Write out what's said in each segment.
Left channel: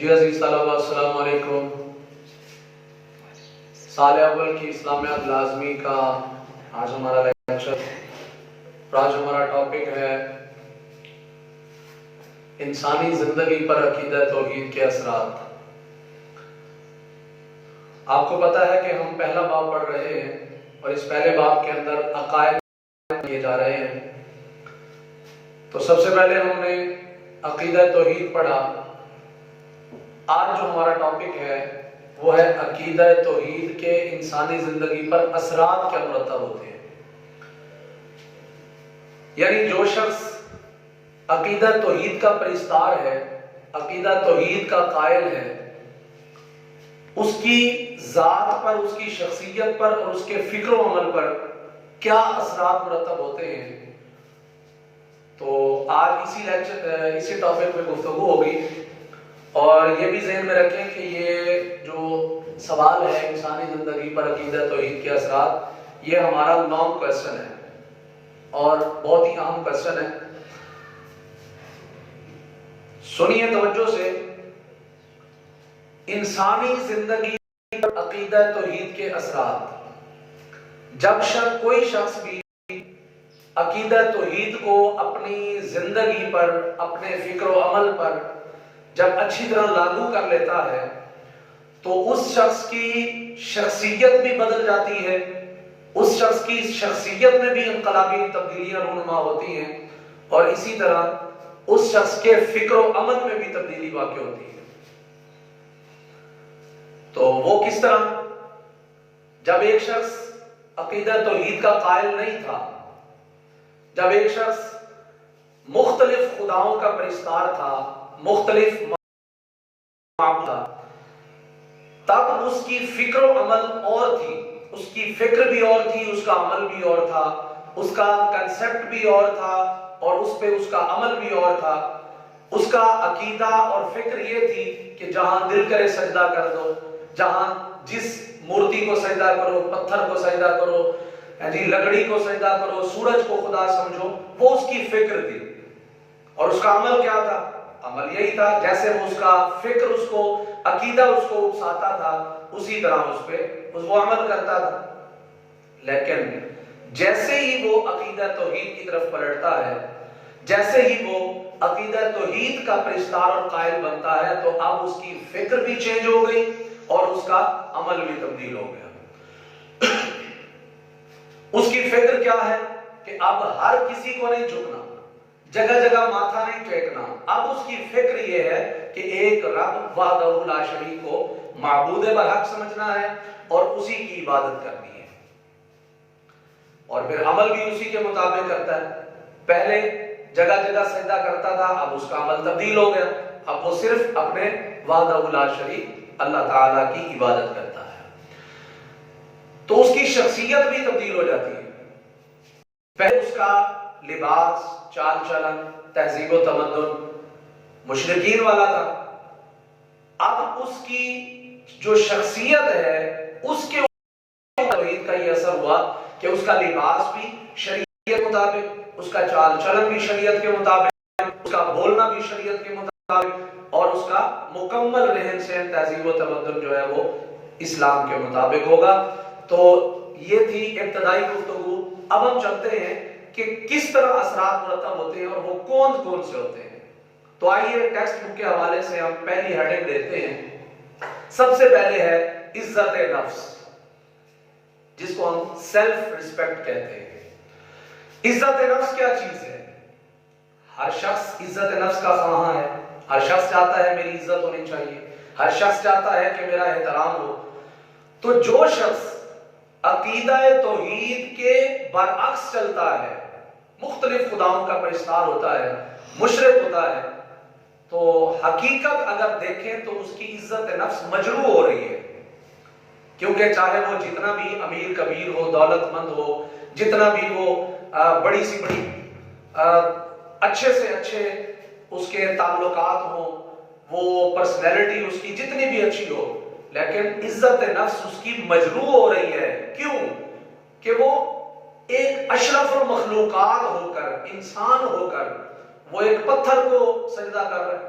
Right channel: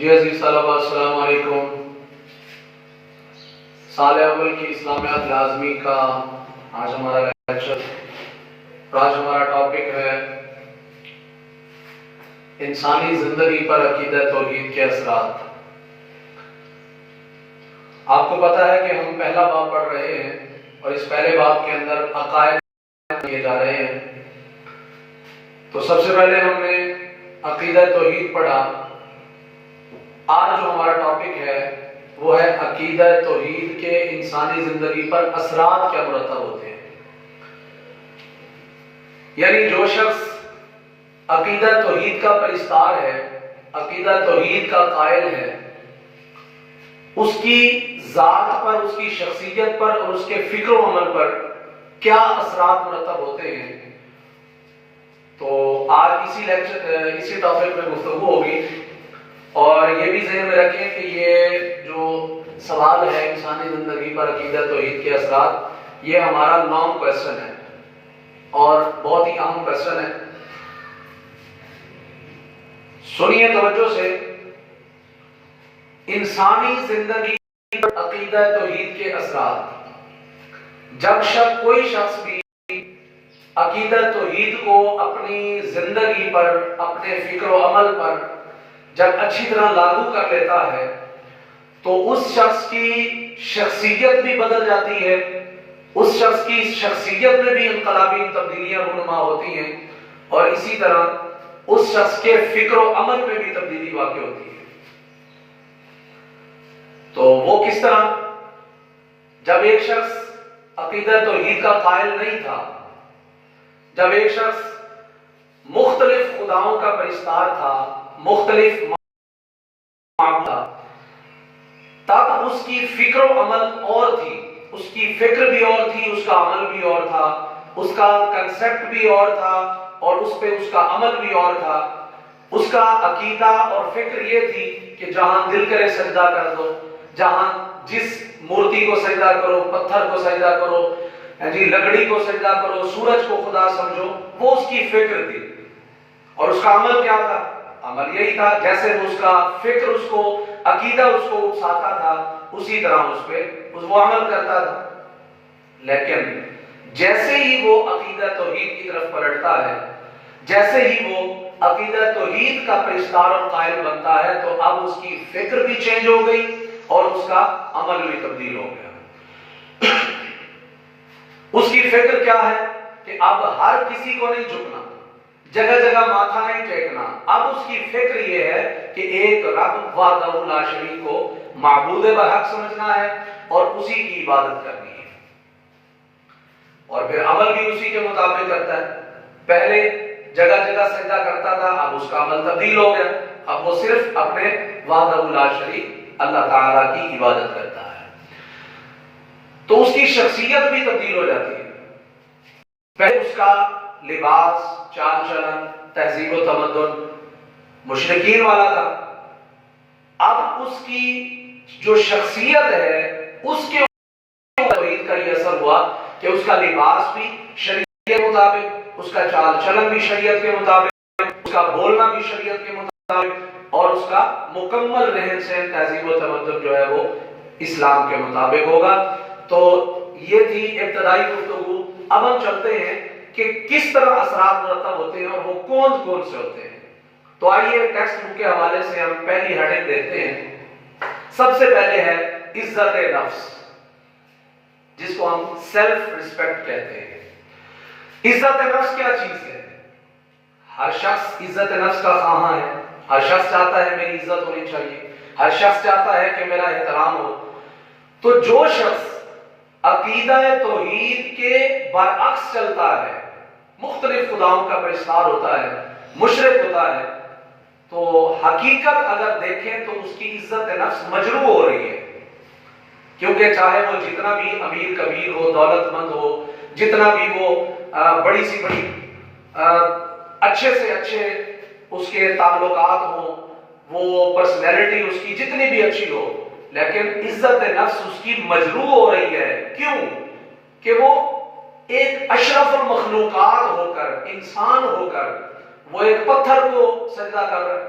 جی عزیز طلباء السلام علیکم۔ سال اول کی اسلامیات لازمی کا آج ہمارا لیکچر، آج ہمارا ٹاپک ہے انسانی زندگی پر عقیدہ توحید کے اثرات۔ آپ کو پتا ہے کہ ہم پہلا باب پڑھ رہے ہیں اور اس پہلے باب کے اندر عقائد کیے جا رہے ہیں۔ تو سب سے پہلے ہم نے عقیدہ توحید پڑھا۔ آج جو ہمارا ٹاپک ہے وہ ہے عقیدہ توحید کے انسانی زندگی پر اثرات کیا مرتب ہوتے ہیں۔ یعنی جو شخص عقیدہ توحید کا پرستار ہے، عقیدہ توحید کا قائل ہے، اس کی ذات پر، اس کی شخصیت پر اور اس کے فکر و عمل پر کیا اثرات مرتب ہوتے ہیں۔ تو آج اسی ٹاپک میں گفتگو ہوگی، اور یہ بھی ذہن میں رکھیں کہ یہ جو سوال ہے انسانی زندگی پر عقیدہ توحید کے اثرات، یہ ہمارا لانگ کویسچن ہے اور بہت ہی اہم کویسچن ہے۔ سنیے توجہ سے، انسانی زندگی پر عقیدہ توحید کے اثرات۔ جب کوئی شخص بھی عقیدہ توحید کو اپنی زندگی پر، اپنے فکر و عمل پر جب اچھی طرح لاگو کر لیتا ہے تو اس شخص کی شخصیت بھی بدل جاتی ہے، اس شخص کی شخصیت میں بھی انقلابی تبدیلیاں رونما ہوتی ہیں، اور اسی طرح اس شخص کے فکر و عمل میں بھی تبدیلی واقع ہوتی ہے۔ تو وہ کس طرح؟ جب ایک شخص عقیدہ توحید کا قائل نہیں تھا، جب ایک شخص مختلف خداؤں کا پرستار تھا، مختلف تھا، تب اس کی فکر و عمل اور تھی، اس کی فکر بھی اور تھی، اس کا عمل بھی اور تھا، اس کا کنسپٹ بھی اور تھا، اور اس پہ اس کا عمل بھی اور تھا۔ اس کا عقیدہ اور فکر یہ تھی کہ جہاں دل کرے سجدہ کر دو، جہاں جس مورتی کو سجدہ کرو، پتھر کو سجدہ کرو، لکڑی کو سجدہ کرو، سورج کو خدا سمجھو، وہ اس کی فکر تھی۔ اور اس کا عمل کیا تھا؟ عمل یہی تھا جیسے اس کا فکر، اس کو عقیدہ اس کو اکساتا تھا، اسی طرح اس پہ وہ عمل کرتا تھا۔ لیکن جیسے ہی وہ عقیدہ توحید کی طرف پلٹتا ہے، جیسے ہی وہ عقیدہ توحید کا پرستار اور قائل بنتا ہے، تو اب اس کی فکر بھی چینج ہو گئی اور اس کا عمل بھی تبدیل ہو گیا۔ اس کی فکر کیا ہے کہ اب ہر کسی کو نہیں جھکنا، جگہ جگہ ماتھا نہیں ٹیکنا۔ اب اس کی فکر یہ ہے کہ ایک رب وحدہ لا شریک کو معبود برحق سمجھنا ہے اور اسی کی عبادت کرنی ہے، اور پھر عمل بھی اسی کے مطابق کرتا ہے۔ پہلے جگہ جگہ سجدہ کرتا تھا، اب اس کا عمل تبدیل ہو گیا، اب وہ صرف اپنے وحدہ لا شریک اللہ تعالیٰ کی عبادت کرتا ہے۔ تو اس کی شخصیت بھی تبدیل ہو جاتی ہے۔ پہلے اس کا لباس، چال چلن، تہذیب و تمدن مشرکین والا تھا، اب اس کی جو شخصیت ہے اس کے توحید کا یہ اثر ہوا کہ اس کا لباس بھی شریعت کے مطابق، اس کا چال چلن بھی شریعت کے مطابق، اس کا بولنا بھی شریعت کے مطابق، اور اس کا مکمل رہن سہن، تہذیب و تمدن جو ہے وہ اسلام کے مطابق ہوگا۔ تو یہ تھی ابتدائی گفتگو۔ اب ہم چلتے ہیں کہ کس طرح اثرات مرتب ہوتے ہیں اور وہ کون کون سے ہوتے ہیں۔ تو آئیے ٹیکسٹ بک کے حوالے سے ہم پہلی ہیڈنگ دیتے ہیں۔ سب سے پہلے ہے عزت نفس، جس کو ہم سیلف ریسپیکٹ کہتے ہیں۔ عزت نفس کیا چیز ہے؟ ہر شخص عزت نفس کا خواہاں ہے، ہر شخص چاہتا ہے میری عزت ہونی چاہیے، ہر شخص چاہتا ہے کہ میرا احترام ہو۔ تو جو شخص عقیدہ توحید کے برعکس چلتا ہے، مختلف خداؤں کا پرستار ہوتا ہے، مشرک ہوتا ہے، تو حقیقت اگر دیکھیں تو اس کی عزت نفس مجروح ہو رہی ہے، کیونکہ چاہے وہ جتنا بھی امیر کبیر ہو، دولت مند ہو، جتنا بھی وہ بڑی سی بڑی اچھے سے اچھے اس کے تعلقات ہوں، وہ پرسنالٹی اس کی جتنی بھی اچھی ہو، لیکن عزت نفس اس کی مجروح ہو رہی ہے۔ کیوں؟ کہ وہ ایک اشرف المخلوقات ہو کر، انسان ہو کر، وہ ایک پتھر کو سجدہ کر رہا ہے۔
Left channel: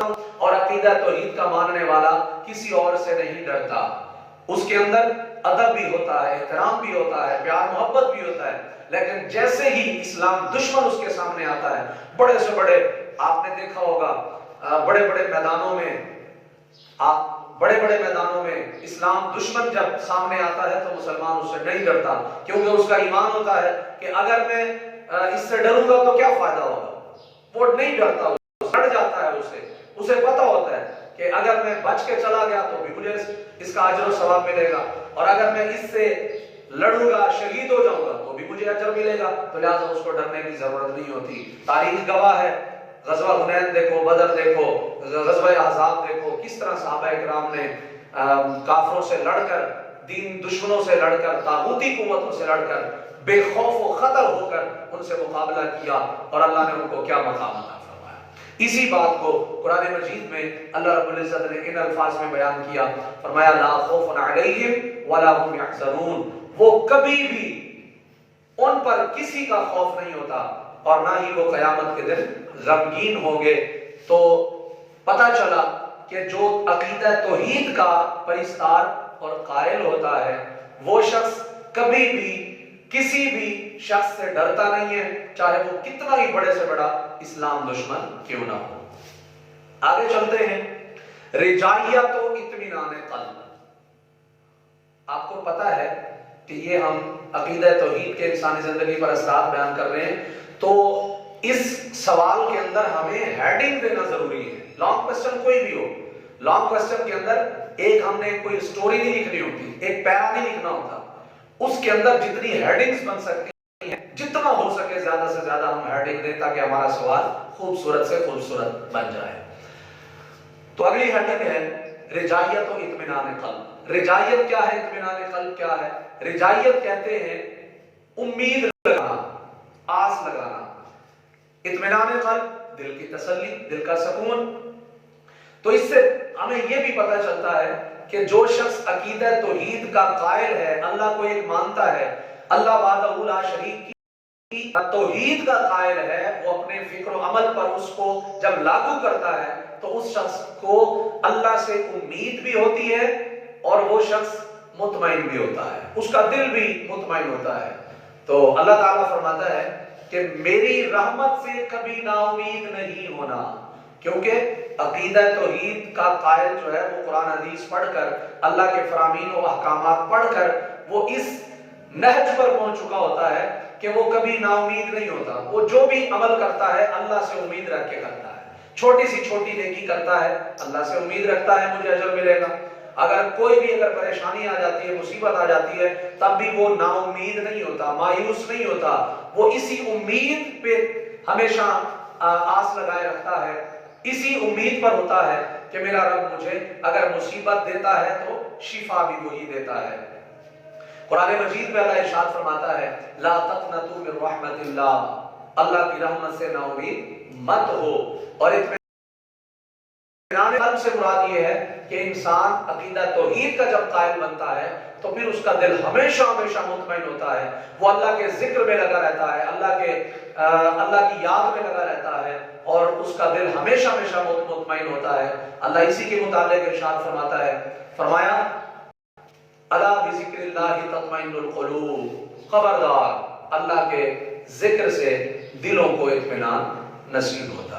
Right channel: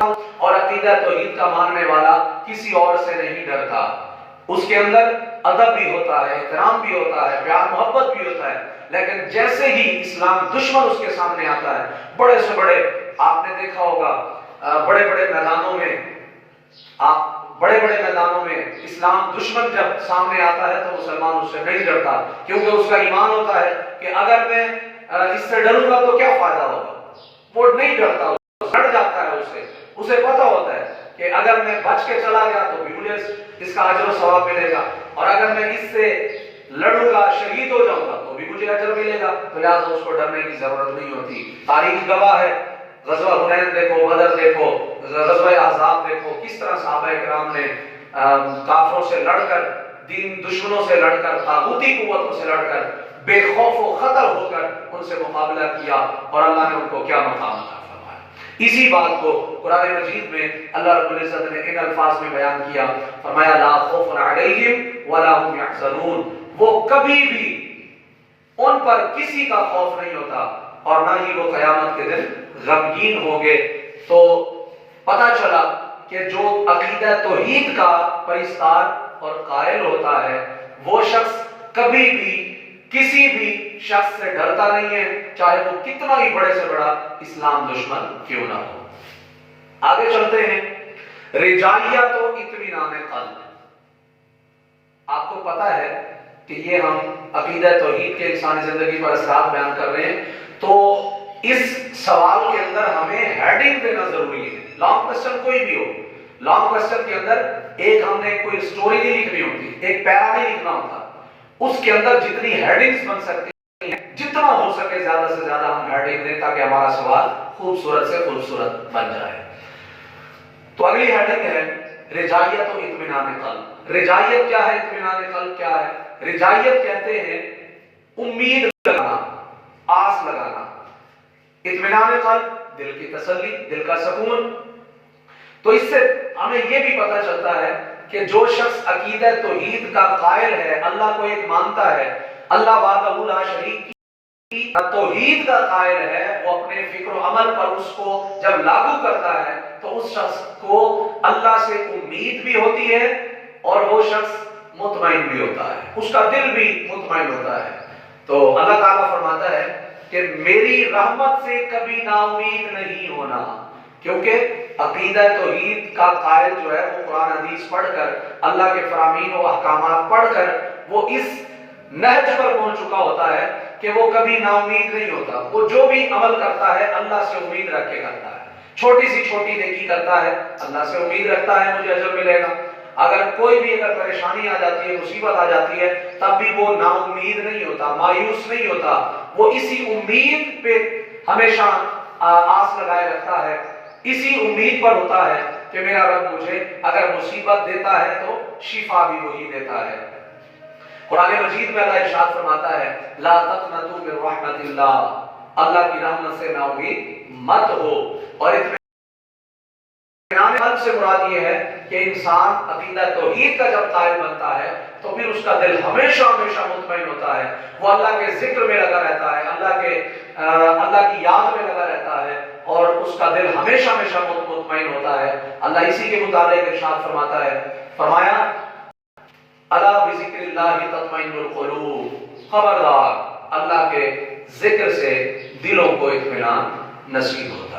اور عقیدہ توحید کا ماننے والا کسی اور سے نہیں ڈرتا. اس کے اندر ادب بھی ہوتا ہے، احترام بھی ہوتا ہے، پیار محبت بھی ہوتا ہے. لیکن جیسے ہی اسلام دشمن اس کے سامنے آتا ہے، بڑے سے بڑے، آپ نے دیکھا ہوگا بڑے بڑے میدانوں میں اسلام دشمن جب سامنے آتا ہے تو مسلمان اس سے نہیں ڈرتا، کیونکہ اس کا ایمان ہوتا ہے کہ اگر میں اس سے ڈروں گا تو کیا فائدہ ہوگا. وہ نہیں ڈرتا، ڈر جاتا ہے. اسے پتا ہوتا ہے کہ اگر میں بچ کے چلا گیا تو بھی مجھے اس کا اجر و ثواب ملے گا، اور اگر میں اس سے لڑوں گا، شہید ہو جاؤں گا تو بھی مجھے اجر ملے گا. تو لہٰذا اس کو ڈرنے کی ضرورت نہیں ہوتی. تاریخ گواہ ہے، غزوہ حنین دیکھو، بدر دیکھو، غزوہ احزاب دیکھو، کس طرح صحابہ کرام نے کافروں سے لڑ کر، دین دشمنوں سے لڑ کر، طاغوتی قوتوں سے لڑ کر، بے خوف و خطر ہو کر ان سے مقابلہ کیا، اور اللہ نے ان کو کیا مقام عطا فرمایا. اسی بات کو قرآن مجید میں اللہ رب العزت نے ان الفاظ میں بیان کیا، فرمایا لا خوف علیہم ولا هم یحزنون. وہ کبھی بھی ان پر کسی کا خوف نہیں ہوتا، اور نہ ہی وہ قیامت کے دن غمگین ہوں گے. تو پتہ چلا کہ جو عقیدہ توحید کا پرستار اور قائل ہوتا ہے، وہ شخص کبھی بھی کسی بھی شخص سے ڈرتا نہیں ہے، چاہے وہ کتنا ہی بڑے سے بڑا اسلام دشمن کیوں نہ ہو. آگے چلتے ہیں. رجالیت و اطمینان قلب. آپ کو پتا ہے کہ یہ ہم عقیدہ توحید کے انسانی زندگی پر اثرات بیان کر رہے ہیں، تو اس سوال کے اندر ہمیں ہیڈنگ دینا ضروری ہے. لانگ کوسچن کوئی بھی ہو، لانگ کوسچن کے اندر ایک ہم نے کوئی سٹوری نہیں لکھنی ہوتی، ایک پیرا نہیں لکھنا ہوتا. اس کے اندر جتنی ہیڈنگز بن سکتی ہیں، جتنا ہو سکے زیادہ سے زیادہ ہم ہیڈنگ دیں تاکہ ہمارا سوال خوبصورت سے خوبصورت بن جائے. تو اگلی ہیڈنگ ہے رجائیت و اطمینان قلب. رجائیت کیا ہے؟ اطمینان قلب کیا ہے؟ رجائیت کہتے ہیں امید لگانا، آس لگانا. اطمینان قلب دل کی تسلی، دل کا سکون. تو اس سے ہمیں یہ بھی پتہ چلتا ہے کہ جو شخص عقیدہ توحید کا قائل ہے، اللہ کو ایک مانتا ہے، اللہ وحدہ لا شریک کی توحید کا قائل ہے، وہ اپنے فکر و عمل پر اس کو جب لاگو کرتا ہے تو اس شخص کو اللہ سے امید بھی ہوتی ہے، اور وہ شخص مطمئن بھی ہوتا ہے، اس کا دل بھی مطمئن ہوتا ہے. تو اللہ تعالیٰ فرماتا ہے کہ میری رحمت سے کبھی نا امید نہیں ہونا، کیونکہ عقیدہ توحید کا قائل جو ہے وہ قرآن حدیث پڑھ کر، اللہ کے فرامین و احکامات پڑھ کر وہ اس نہج پر پہنچ چکا ہوتا ہے کہ وہ کبھی نا امید نہیں ہوتا. وہ جو بھی عمل کرتا ہے اللہ سے امید رکھ کے کرتا ہے. چھوٹی سی چھوٹی نیکی کرتا ہے، اللہ سے امید رکھتا ہے مجھے اجر ملے گا. اگر کوئی بھی اگر پریشانی آ جاتی ہے، مصیبت آ جاتی ہے، تب بھی وہ نا امید نہیں ہوتا، مایوس نہیں ہوتا. وہ اسی امید پہ ہمیشہ آس لگائے رکھتا ہے، اسی امید پر ہوتا ہے کہ میرا رب مجھے اگر مصیبت دیتا ہے تو شفا بھی وہی دیتا ہے. قرآن مجید میں اللہ ارشاد فرماتا ہے لا تقنطوا من رحمت اللہ، اللہ کی رحمت سے نا امید مت ہو. اور اطمینان قلب سے مراد یہ ہے کہ انسان عقیدہ توحید کا جب قائل بنتا ہے تو پھر اس کا دل ہمیشہ ہمیشہ مطمئن ہوتا ہے. وہ اللہ کے ذکر میں لگا رہتا ہے، اللہ کی یاد میں لگا رہتا ہے، اور اس کا دل ہمیشہ ہمیشہ مطمئن ہوتا ہے. اللہ اسی کے متعلق ارشاد فرماتا ہے، فرمایا الا بذکر اللہ تطمئن القلوب، خبردار اللہ کے ذکر سے دلوں کو اطمینان نصیب ہوتا ہے.